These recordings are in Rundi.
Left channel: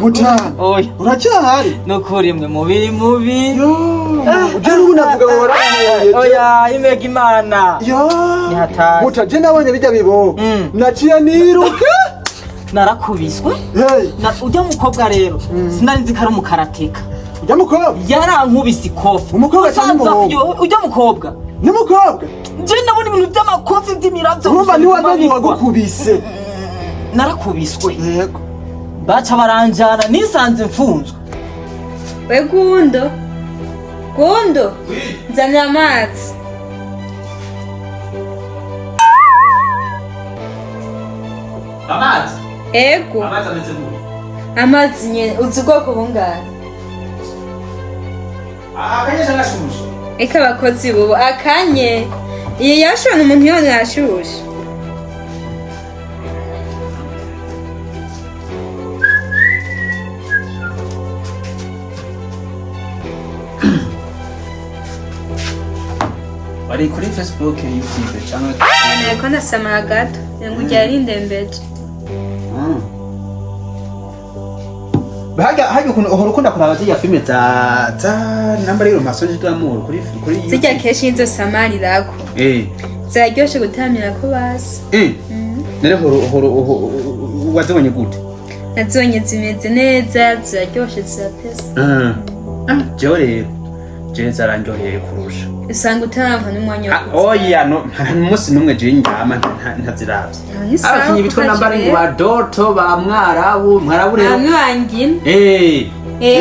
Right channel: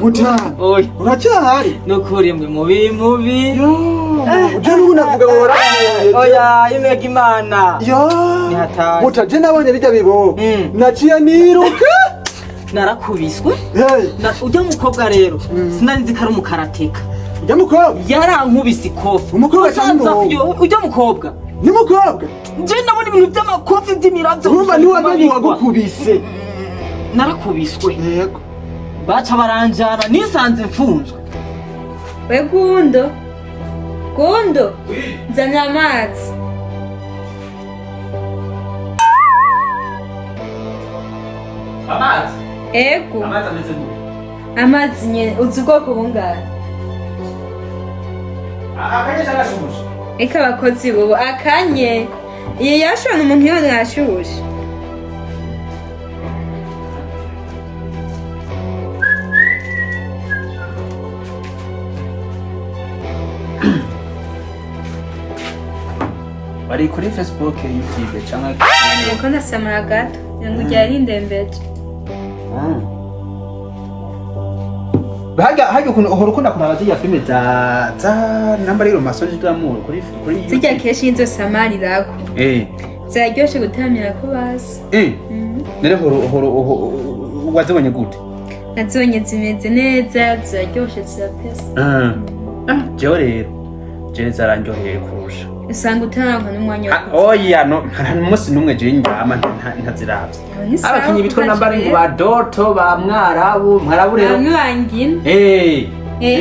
Muta. Oya. Uracyahari? Nukuri mwe mubi. Uje nunavuga ngo waraye. Oya, imega Imana. Ni hatari. Muta je nabonye bijya bibo. Naciye niruka. Narakubiswe. Hey. Ujya mukobwa rero. Sinari nzi kari umukarateka. Ujya mukobwa? Yarankubise ikofi. Umukobwa cyane umuhungu. Ujya mukobwa? Ni mukobwa? Je nabona ibintu by'amakofi by'imiravyo. Urumva ni wazanye wagukubise. Narakubiswe. Yego. Baca baranjana nisanze mfunzwe. We Gundo nzanira amazi. Amazi? Ego. Amazi ameze gute? Amazi nyene uzi ubwoko bungahe? Akanyesha arashushe. Eka abakozi bubu akanye. Iyo yashona umuntu yone yashushe. Bari kuri Facebook, YouTube cyangwa Niko nasamara gato ngo ujyari ndembeje. Hajya ukuntu uhora ukunda kuraba ziriya filime za namba rero masoje d'amour kuri YouTube. Zijya keshi inzo samari rako. Zaryoshe gutamira ko basi. Nere horo wazibonye gute? Nazonye zimeze neza, zaryoshe zirapesa. Jewe rero je zarandyoheye kurusha. Usanga utamva n'umwanya wo. Oya no umunsi numwe je nyama ntaziravye. Abakinyi bitwa nambari ngo ba Doto ba Mwarabu rero. Mwangina.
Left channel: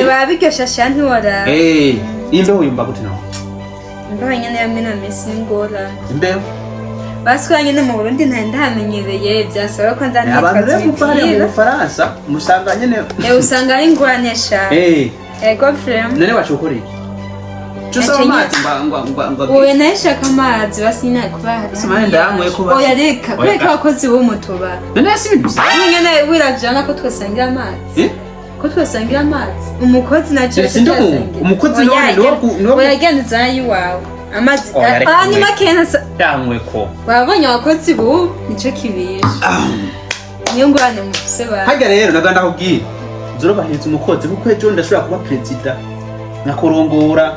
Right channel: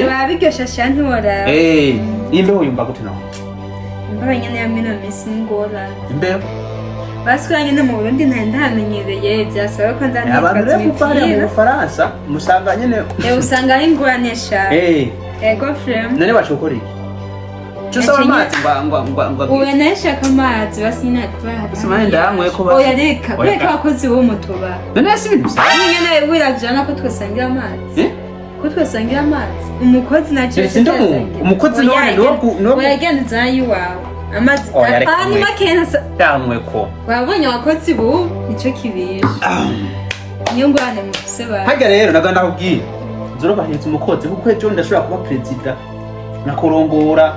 Babiryosha shanti wora. Imbeho yumva gute naho? Imbeho nyene yamwe na misi ngora. Imbeho Baswanye no mu Burundi ntamenyereye byasaba ko nzandika. Abantu rero mupare mu Faransa musanga nyene. Usanga ari inguranesha. Ego frame. None bacukora iki? Chusa amazi ngwa. Uwe nashaka amazi basinya kubahari. Simanye ndamwe ko basi. Oya reka abakozi bo mutuba. None si ibintu bisa. Nyene wiravjana ko twasangira amazi. Ko twasangira amazi. Umukozi naje. Umukozi none no. Oya genza yiwawe. Amazi kandi makena yamwe ko. Babonye abakozi bo nico kibisha. Niyo ngwane mu kuseba. Hajya rero naganda kubwira. Zoro bahetse umukozi kuko ejo ndashobora kuba president. Nakorongora.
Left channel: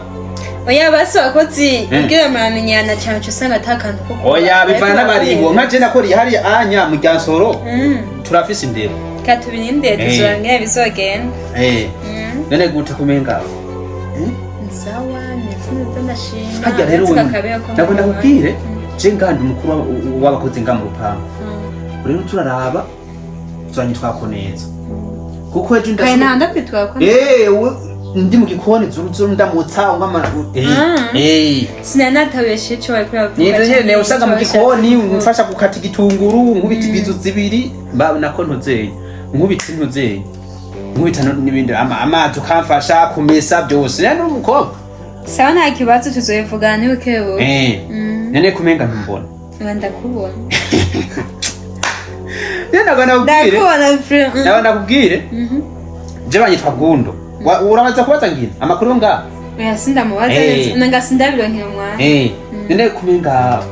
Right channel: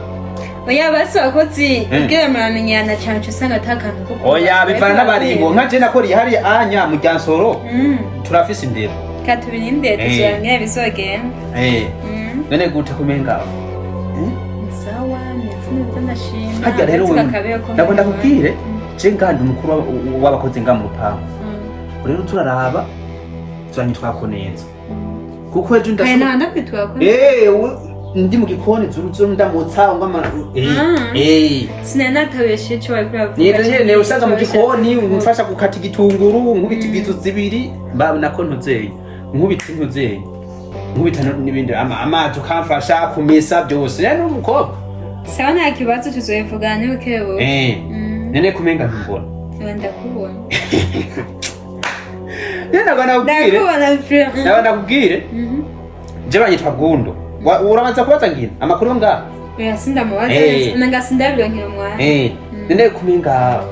Oya basi abakozi kugira muramenyana cyane cyo usanga atakantu ko. Oya bivana n'abaribo nka je nakori hari anya mu Ryansoro. Turafise indero. Katubiri indero tuzoranye bizogenda. None gute kumenga. Sawa netse ndashima. Hajya rero nagenda kubwire je ngandi umukuru w'abakozi nga mu rupango. Rero turaraba tuzanye twakoneza. Kuko ejo ndashobora. Kana ndakwitwa ko. Ndi mu gikoni zuru ndamutsa ngama sinanatabeshe cyo bari kuvuga. Ni usanga mu gikoni umfasha gukata igitunguru nkubita ibizu zibiri nako ntuzeye nkubita intuzeye nkubita n'ibindi amazi ukamfasha kumesa byose rero n'umukobwa sawa nta kibazo tuzoyivugana ni ukebo nene kumenga ntumbona ndakubona nakubwire je banyitwa Gundo urabanza kubaza ngina amakuru nga yasinda mubaza nangasinda bironkera mwana nende kumenga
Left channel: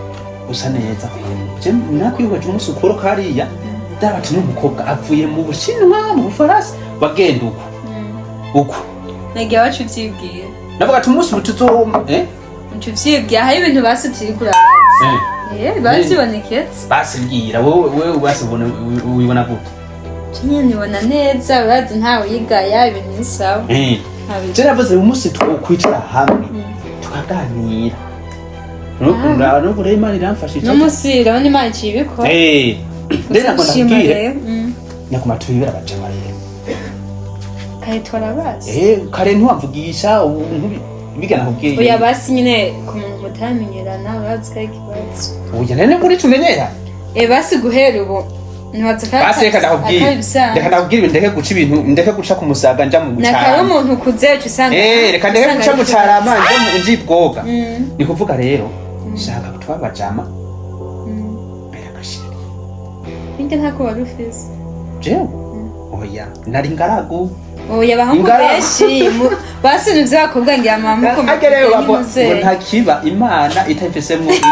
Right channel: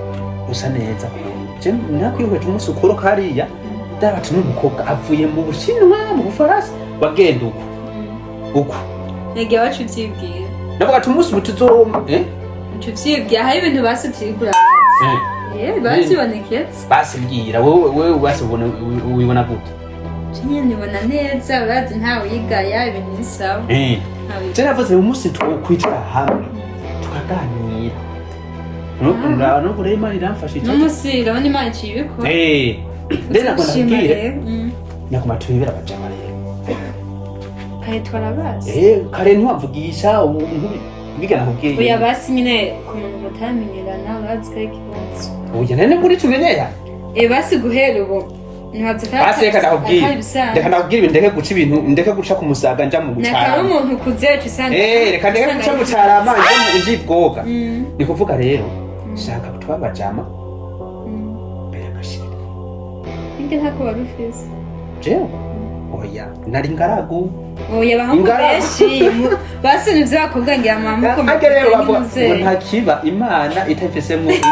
usa neza kwene je nakwiyoje umusukuro kariya ndabati n'umukobwa avuye mu Bushinwa mu Bufaransa wagenda uko nege wacu byibwira navuga ati umunsi butuzo ucuvyibwira hari ibintu basutiri kurabaza basiboneketse basibwira wewe basibona ubibona gute nyine nibona neza urazi ntawe yigaya ibintu bisawa je navuze umunsi twokwicara hamwe tukaganira nuko rero Imana iramfashije n'umunsi rero Imana ikibiko ndenda ngo ndabwire nyakuma tubibera bajama rero kare twarabazi kare ntiwamvugisha bigana kubwiye oya basi nyine ku muntu mutamenyerana urazi ko ikibazo oya nene muri tumenyera basi guhera ubu basi reka ndakubwira ndeke guca ibintu ndeke guca ku musaga nja mu gucara nakaye umuntu kuzeca usanga reka ndeke guca mu carama nje bwoga ni kuvuga rero shaka twabajama mbere gashira inde ntako barufise jewe oya nari ngaragu oya bahungu beshi basi nivyo bakobwa ngira mama ko agereye ngo ntakiba Imana itafisemo iki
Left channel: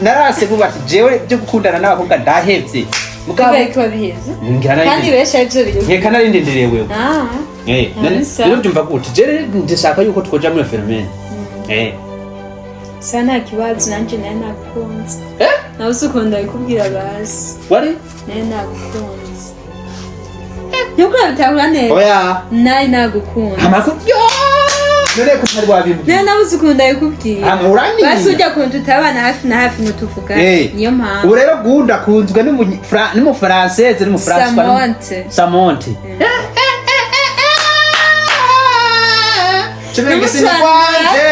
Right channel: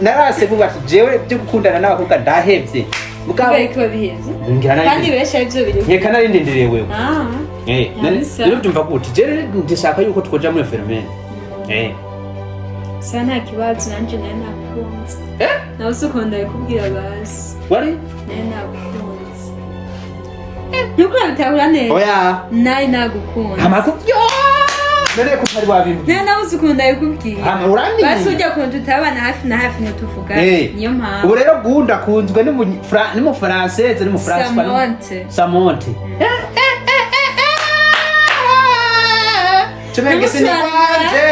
narase bubati jewe byo gukundana n'abakobwa ndahevye mugabo kubera ko babiheza ngira kandi nari benshi aribyo biri nkeka nari ndindereye wewe Nisa. rero byumva gute je ndishaka yuko twoja muri fenomene sa nta kibazo nanjye nayo nagukunze nawe usukunda bikubwira basi wari nayo nagukunze nuko nabitahura neza oya nayo nagukunze amakuru none ko utari wabimbwiye nayo nawe usukunda bikubwira urani basi ujya kuntu utabana hafi na hafi nutuvuga niyo mpamvu ubu rero gunda kunzwe n'umufrancese n'umufrancwa Samonte Chemenge sinikwanje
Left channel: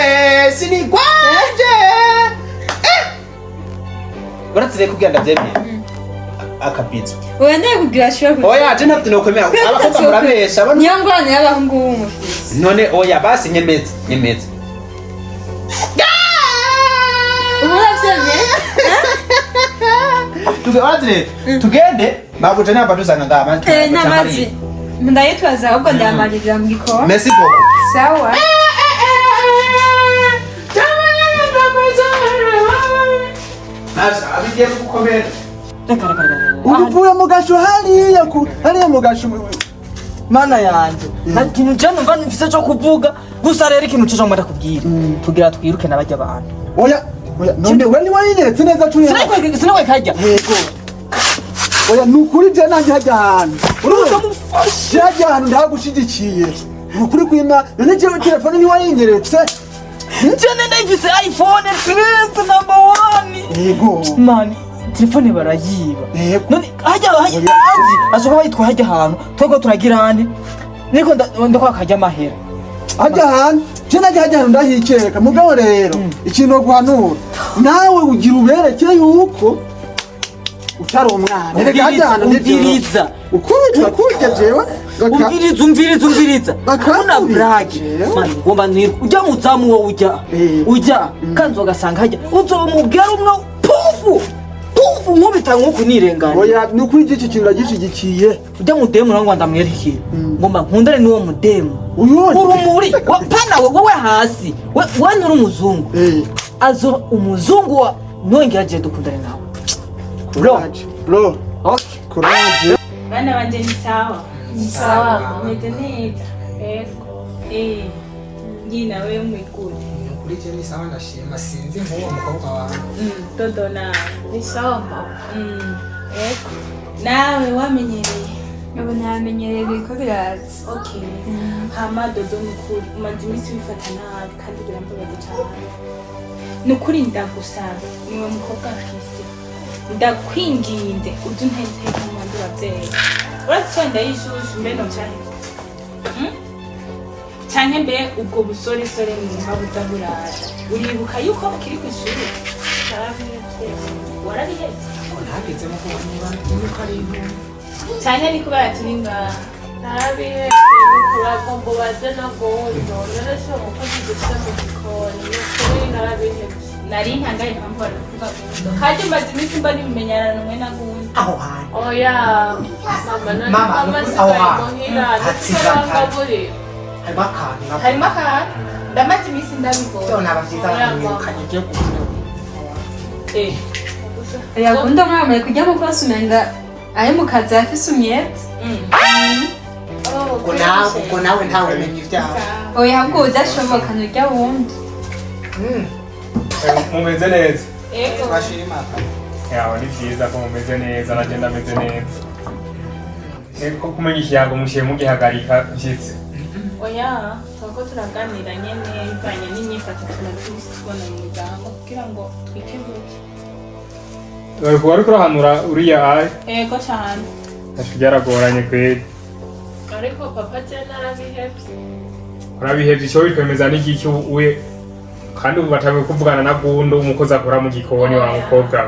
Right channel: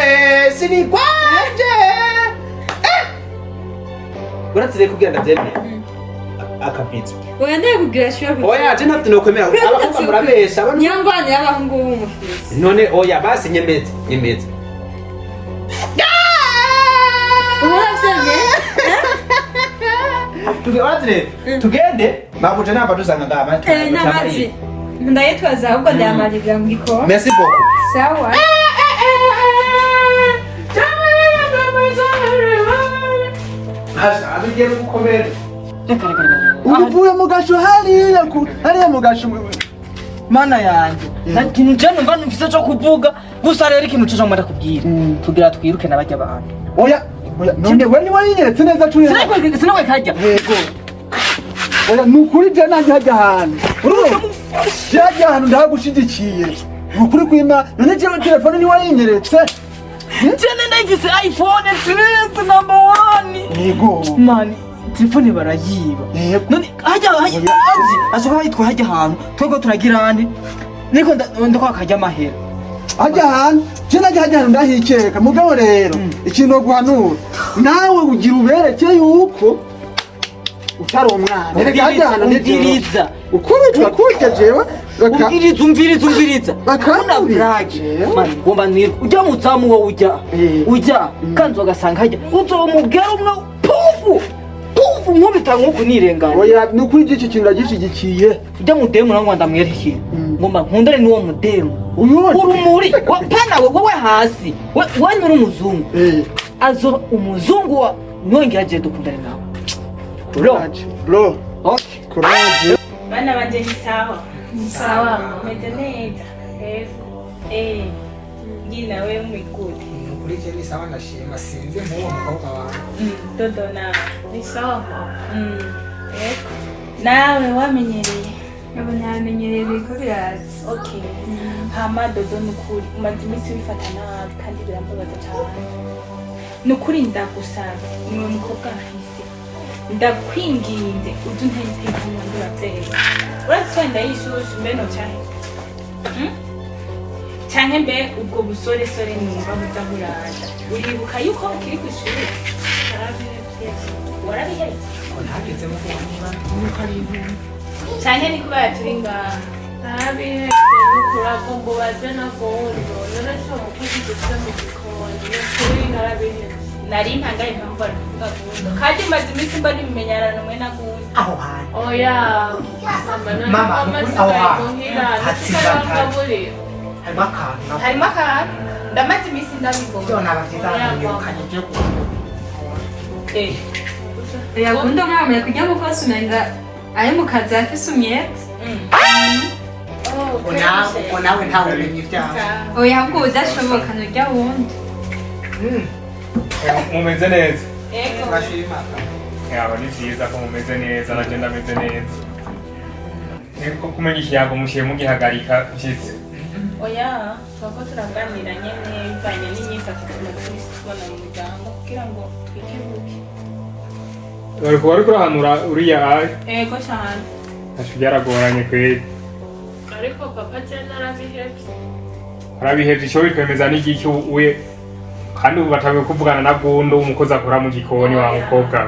Uratse kugira ndavyemye akabizo wenda kugira shobora oya je ntafite no kwemera abakobwa murabesha abantu nyangwane y'abahungu b'umufisi none oya basi nyemeza tugende babuje namba dusanga ngama namazi ndayitwaza ahubwo ndamarira mu gikombe merci beaucoup sawa abigiye gukomera uvuye mu gasho hariya mu gasho mana yanjye nta kintu je numva mfise cyo kuvuga gusa rero ikintu cyo ngomba kubwira kugira twiruke nabajya abantu oya none we wayiretse neza turi sinakwe kajya yego oya nukuri je nanjye hajya ahantu urubuga mufashe hajya ahantu ndagushigikiye nukuri kwima none je telefone ni wayinyeretse nje nenda ifise iPhone 13 number 1 yego mani telefone barayiba none hajya asoka bayitwa hajya ahantu twego turagira andi niko ndakwa kajya amahera hajya ahantu je nanjye hajya ahantu ndahikeka mugabo rero ikintu guhanura nawe ugira ubereke yuko utari umwana reka hajya ahantu ndiriza ukubitwa kurya jewe umviriza bakabona brage ngomba nirwa ujya muzamu wo ujya kanzo gasanga hajya uzomubwira umwe pufu nkubita nkuko nirengana oya nukuri iki kintu ndagishigikiye ujya mudemu nango ndamwerekeye ngomba nkundane n'uwo mudemu urumuri pana wowe hasi wanyura umuzungu azo umuzungu wa nongera agiye dukundane nawe bro okay courage bana banje ni sawa meze neza ngina wewe mwikuti kuri je ni sawa ndashima sinzi nk'uwo mukobwa wawe dodo nawe ni sawa nawe wamenyereye yabo namenyereye biko birazi okay hama dodo nukuri umaze iminsi wifata nabi kandi birambabaza cyane nukuri ndagusaba niwe mukobwa mfise ndakwinginze uje ntayiteka mu bandi babyeyi uretse wenda yishushe mbe nocahe canke mbe ubwo busoresore numva buza buraza uribuka yuko ukiri ku ishuri warabihetse ntageze mu kuba nuko ari ibintu canke ni kubera turi ngaha narabihetse nukuragomba uraje nagomba narashe umukozi dufite mu gikoni nukuri narabihetse nari ntangaye impamvu baravuga gundo kandi maze iminsi mba nimenyana namwe na gundo aho hantu oya mama aho hantu hatsiza gaburira harimo akantu ndamaze iminsi ndabibona byo nabafite abanyirukanye je yakunda mwamaye kujya mu kwasi umenga ari mu kazi afise umwete uko nawe ntawe umenya ibyawe oya ahubwo udashoboka nujya wundi mumeze neza ego bashima yawe ni byiza ko mumeze neza nanjye ndameze neza niko kumenya ikiyago mushiye mugihagarika nshyitse oya turako turaganira nyene bivanye n'imyifatire tumaze tubona mu muryango kugira ngo twikebuke bariko bariko urahanura uriya ayi ego cyane asho byaragoranye kweli ariko papa je narabihetse urabihevye ico bikwemeza n'igiki uye kandi ubu batawe kuvugana na gundo umukozi akora mu gikoni wa mukobwa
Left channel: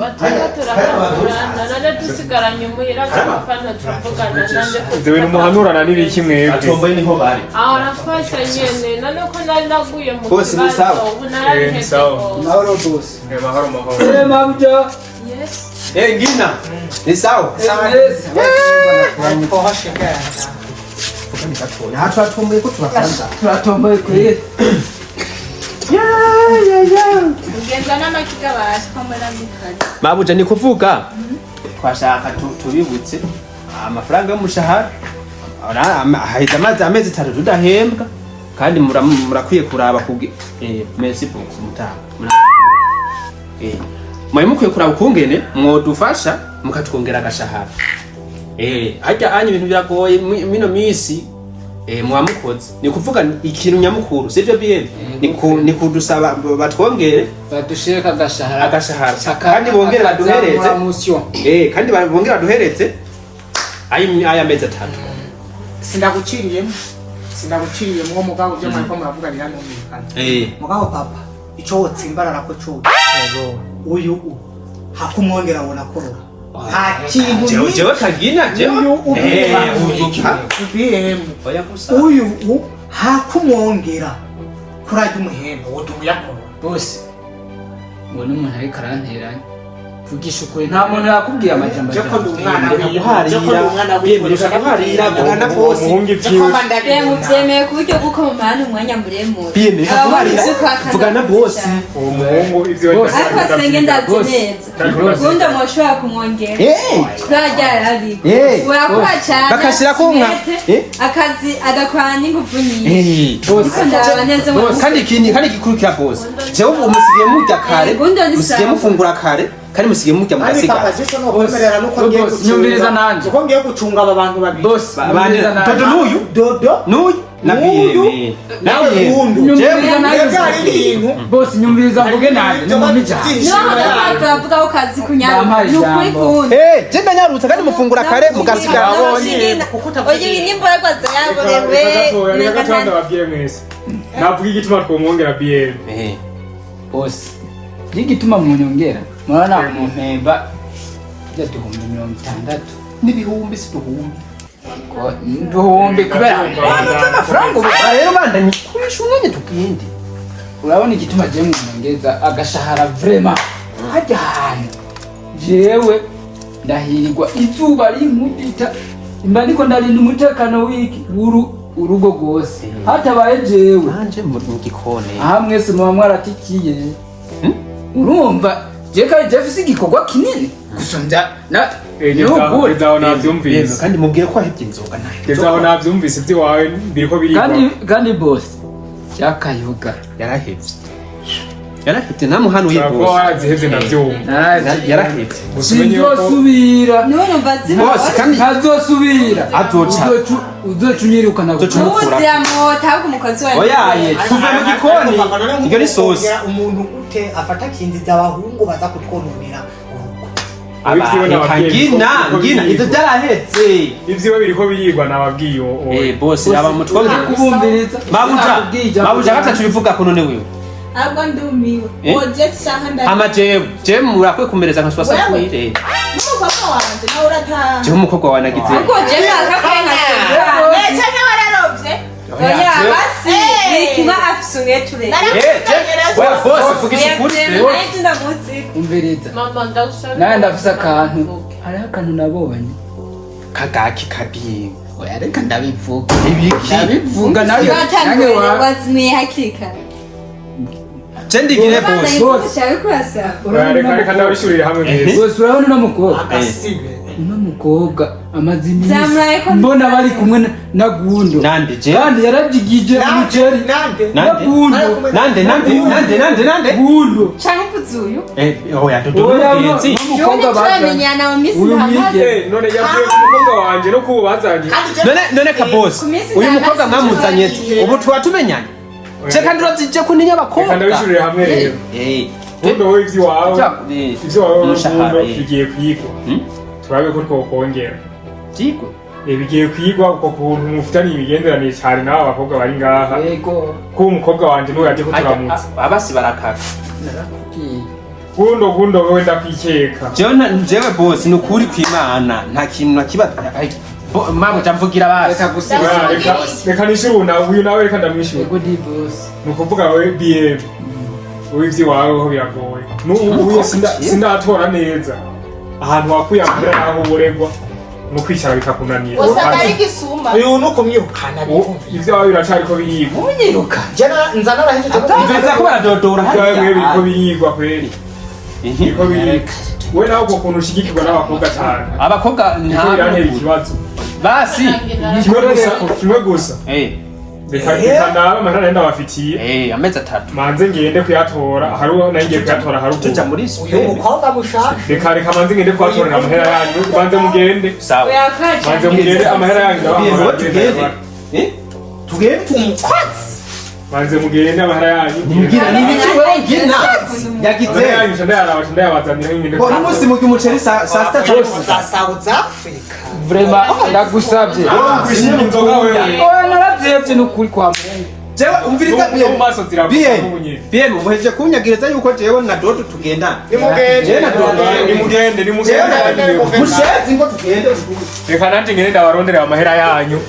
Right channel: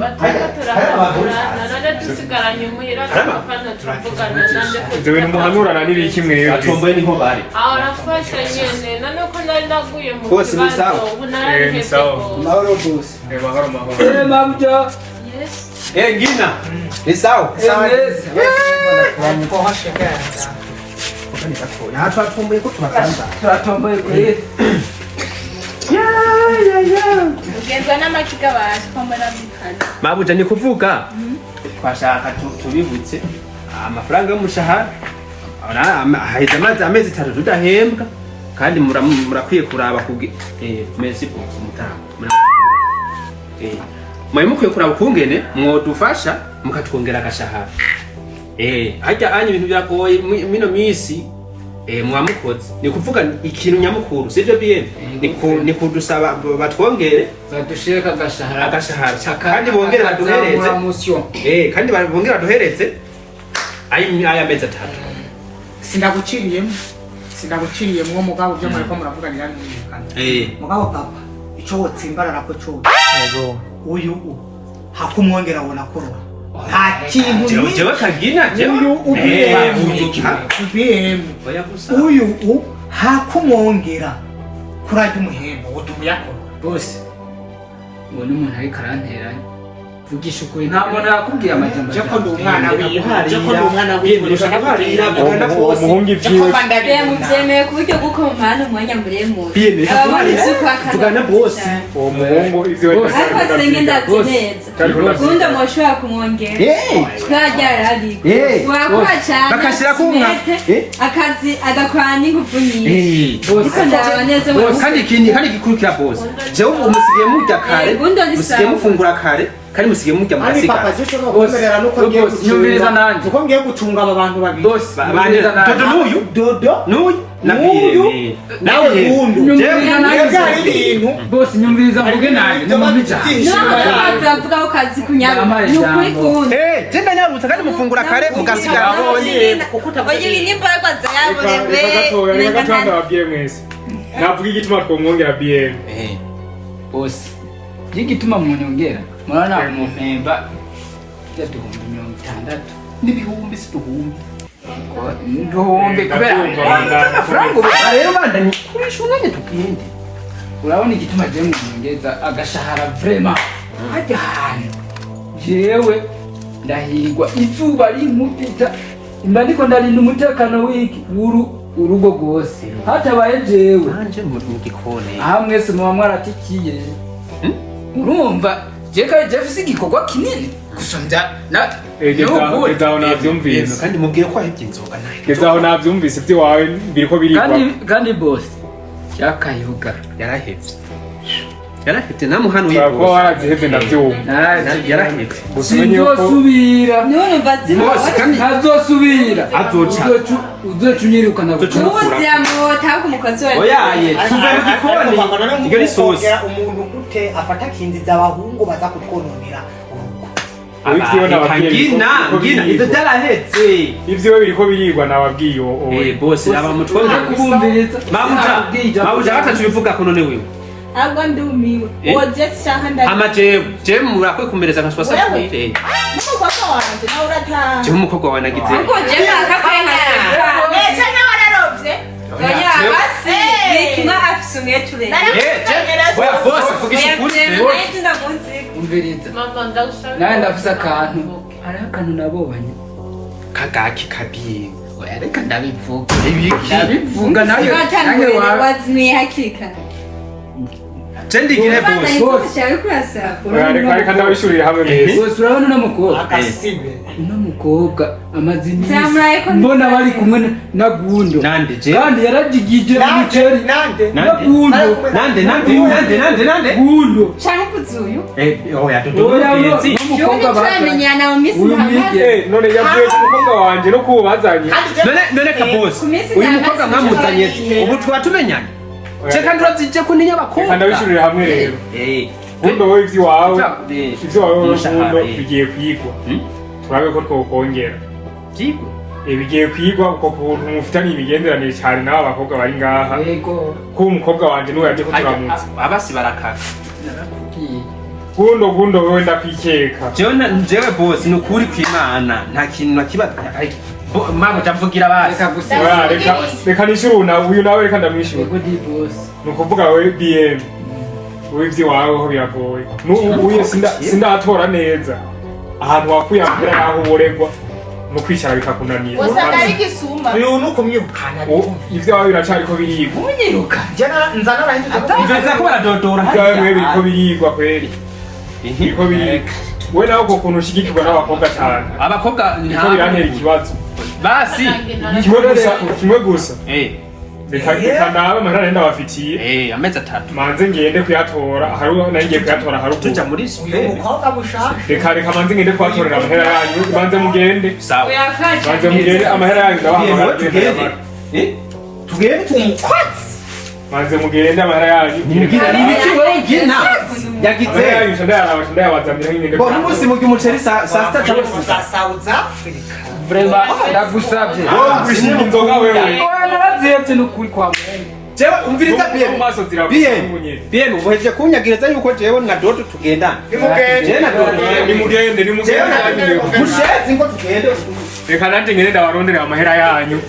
batanga turakagurana none dusigaranye umuhira kandi turavugana nande ivyo bintu muhanurana n'ibiki mwebwe atomboye niho bari aho nafashe nyene none ko nari naguye mu Bose ni sawa? ubu narabihetse ni sawa. mahoro bose mahoro mahoro mabuja yes ngina ni sawa twatomboye ko turasanza turatomboye kweli ugenzwa n'amakiga basi ko muri ambikazi mabuja ni kuvuga twashaka tubibutse amafaranga y'umushahara haheze amezi 3 tudahembwa kandi murakwiye kuraba merci beaucoup mutanga mwari mukwiye kuraba ukungene mwodufasha mukatwongera agashahara hajya anye ibintu biragoye mino misi mwamukoze ni kuvuga ikintu nyamukuru sivyo bien ni kudusaba batwongere badushireka agashahara kandi bongere baduhereze kandi bongere baduhereze aya mezi 3 sindaguciriyemwo mugabo byo mwariko muravuganira n'umvikana mugabo papa ico wotsimbarara ko cyo uyu hakumwongera abona korora nta kintu jewe kagina uyu hakumwongera kurajya umuhembo wotumuyakorora bose ngo n'umuntu ariko aranteranya vugisha ukuri nta muntu yakubwiye amajambo joko ndi umwana wiwe bwana bose muvyemeye ku buryo bw'uko mumana umwanya muremure tugana bose uwo muhungu ivyo ariko senge ndavyemeza gunda mwoshobora kumwongera kurarya arabiko urakora cane bakashirako akazi agakorana n'inguvu nyinshi ariko ndaraba neza kandi gikurikira bose jewe umusigiye murya kare musigiye mufungura kare kandi musigiye murya mugasiga papa ziko no komerera nuko ngiye nyumviriza nanje uko ngiye gucunga aba bantu babiri bose n'uyu nawe bundu nyumviriza nanje bose nyumviriza mvuge nanje no mumija bavuga ko kazi kunyara ni ukuri kundi je ndanyarutse kandi mufungura kare mugasiga oye nimborwa zayaborewe reka gatoya ndababwiye mwese navuga igituma twomwongera BM bose igituma mwongera mwana mumpemba tujya 60 n'ibihumbi si duhumbi kubera amafaranga rero bandanye kurisha umwanya tukindi urabona igituma je mwongeza agashahara vraiment hajya hantu jewe ndahirwa izuba rinkubita imba niko ndarinda umutekano w'iki urugo rwose hatabaye jewe manje mu gikone aha mwese muba mwaratikiye urumva jeka jefisi igikorwa kinini gusumbya na gezaho navyumvise kandi mubwire ko ahibye inzoga gezaho navyumvise ivy'iwawe biriko birigwa kandi boss yakayoga yarahevye namuhanuye bose warazihevye navyumva yarahevye sinzosubira none mbazi ntazosubira uzocunyirukana ubuziamota ahubwo umukozi wawe oyaye tuva mu gikoni iyo ni sosi umuntu ute afata kinziza abahungu baza kutwononera ngina ivyo byarahetse ivyo biriko birigwa nababwiye bose aba mutwongera kubumviriza babuja batatu bivuga ko none wewe ntabwo ndumiwe woje shaka ama je murakwe kumereza nka swasa kwire n'umukobwa wanje nawe urataha je umukobwa wanagize uko je nakakwenga ese nawe wararovye oya basi bituma afise ungeture oya bose vugisha ukuri umviriza nawe ndafise akantu hariho akantu nabonye kagaki kabiri oya reka ndabivuga nawe wazimiye hakika cendigire bose reka ndabishurire hamwe neza bose urabona uno mukobwa agasibe uno mukobwa amaze iminsi mbona bari kumwe na Gundo nande je kandi yarajigije umuceri na Gundo nande Gundo canke kuzuyu oya dodogenzi umukobwa bamenyana mu misi hamaze none yavuye ku mukobwa wanje no kubazanye none ka boss uyu mukobwa mwamuzanye ubu tuba tumenyanye Cheka nduratsije kuninya abakobwa. Kandi abishurire hamwe rero. Bundo wowe ivy'iwawe. Ivy'iwawe bundo bigiye kwigwa. Turabe ko twokongera. Kigwa. Bigiye kwigwa uko kuntu mufitanye imigenderanire cyane n'aba bakobwa bari ngaha. Yego. Ko umukobwa wanje n'uwo yaje ko turamutse. Abasi barakara. Bundo wowe ndakwikeka. Jewe boss ni ukuri kw'Imana nta kintu nakiba mama utavugira basi reka nishuruna uyu nawe reka ndamwishura yego di boss nukuvuga we BM wivyi wawe ho biragoye uye sindatora neza ahantu wakuyambira yaho uboregwa no kwicara bikakunanira usanga ari gisumba uyu nuko myukana ivyo wawe biracari ko birigwa unyiruka jana nzana rahinje ivyo ko baradodora ivyo wawe biriko birigwa kweri biriko birigwa we nawe uko kuntu ushigikirwa n'abakobwa cyane abakobwa niko birantera ikibazo basi kimwe gusa reka nawe amahera nenda bafitiye amezi 3 manze ngende kuyatora haruho nangiye kuyatora haruguru tuja muri uyu mukobwa mushaka reka manze ngende kuyatora amahera yanyu manze mugende sawa manze mugende amahera yanyu tugende tumukwatsi manze mugende amahera yanyu ngira nibiki wewe ngina yagize yanyu ndayabazamira ngende bo numunsi mu cyumuceri saa 6 cyangwa za South Africa Vraiment ndagusabye wishinga inzoga wewe narabyevye n'ukuri kwa Mungu jewe umviriza BM uheje kunyagiriza yuko jewe na Dodo tugenda nimugende na Dodo nimugende mushezi ngo tugende reka nanje ngende ndabarondera amahera yanyu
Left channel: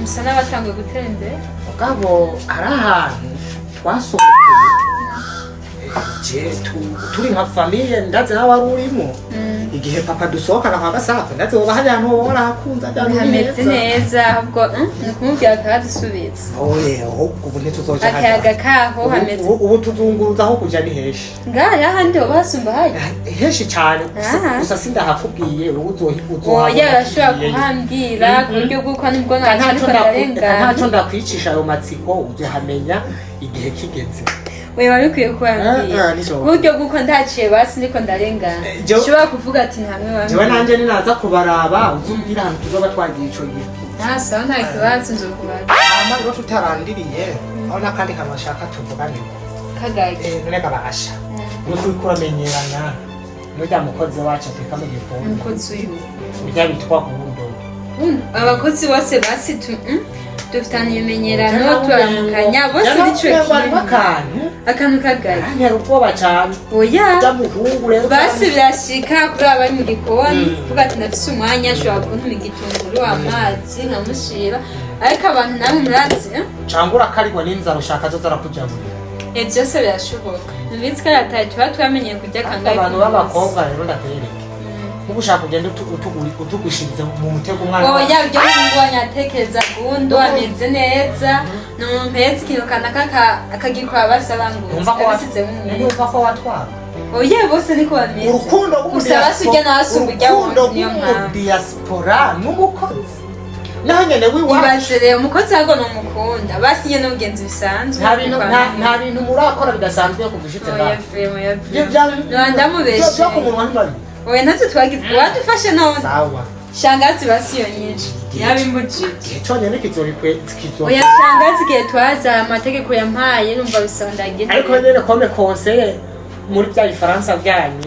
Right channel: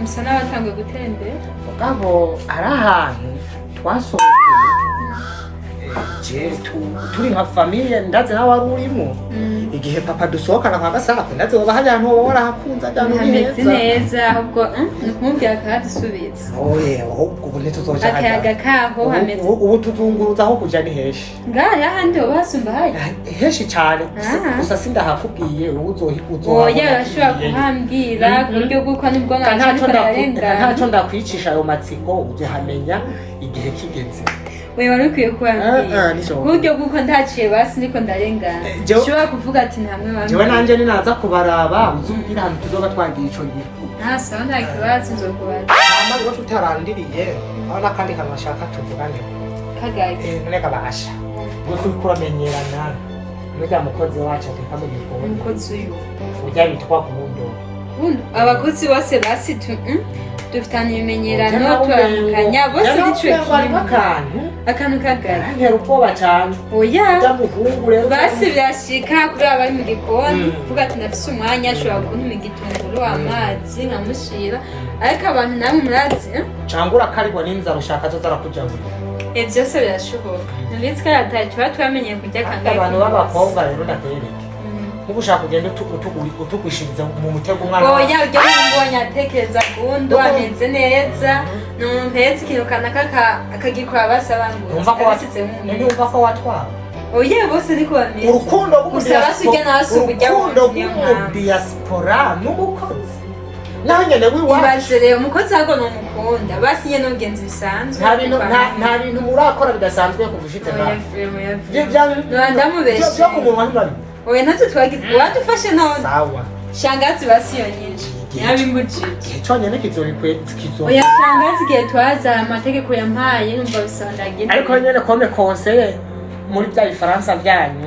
musa n'abatanguye gutembera mugabo hari ahantu twasohokeye turi nka famiye ndazi nawe wari urimo igihe papa dusohokana kwa Gasako ndazi woba hari ahantu woba warahakunze hameze neza ahubwo ni ukumubwira akahadusubitsa ubu ntituzoja akayaga kaho hameze ubu tuzunguruza aho kuja ni heshi ngaya handi woba hasumba hayo heshi cyane gusa sindahakubwiye wowe oya urashobora kuhambwira ku buryo bw'uko nibwo ntacyo ndakwicisha ayo matsiko uzohamenya igihe kigeze we wari ukwiye kubabwira ku buryo bw'uko ndaciye basi niko ndarengana ushobora kuvuga ati ntamwe bamwe jewe nanje ninaza kubaraba uzumbwira ahantu tuzoba twagiye ico gihe ntasa nta kibazo nzokubaza rero tutarandiriye aho n'akandi kantu bashaka tuvugane kagaye none kabasha no kuramenyerana n'ujya mukozi wacu ateka mu gikoni umukozi uyu ujya bitwa kubundo abakozi bose basi dufitanye ibimenyerano turamukanya bose nico akantu kagaye ntera ubwoba cyane oya muhungu rero basi birashika kubera bari mu gikoni kuvuga ati ndafise umwanya ashobora kuntuma igitunguru amazi nkamushira ariko abantu namwe murazi cangura karigwa n'inzara ushaka zo zarakujabura byose birashoboka nubitse ko yataye tuba twamenyeye kurya kangahe abantu b'abakobwa rero ndatereke ubu ushaka kugenda utugushiriza mu mutego umwana oya ujya mbonye atekereza gundo ameze neza ni umuntu mpetse ikintu kanaka akagikora basabangutse numva ko watwara oya bose niko bameze urukundo rw'umudiyasipora n'umukozi naho nyene wiwacu ibaze rero umukozi ahubwo n'umukunda basi nyene n'ubugenzi bisanzwe nta bintu murakora bidasanzwe kuva ushitse nawe ndamubeshe byo ku munwa ntibari oya natwe twagize wadufashe none sawa shangazi basi yonyije yabimbujije igihe cyonyine oya shangazi igihe twaza amategeko yampaye numva bisondagiye ariko nyene kome conseiller muri bya Ifaransa byanyu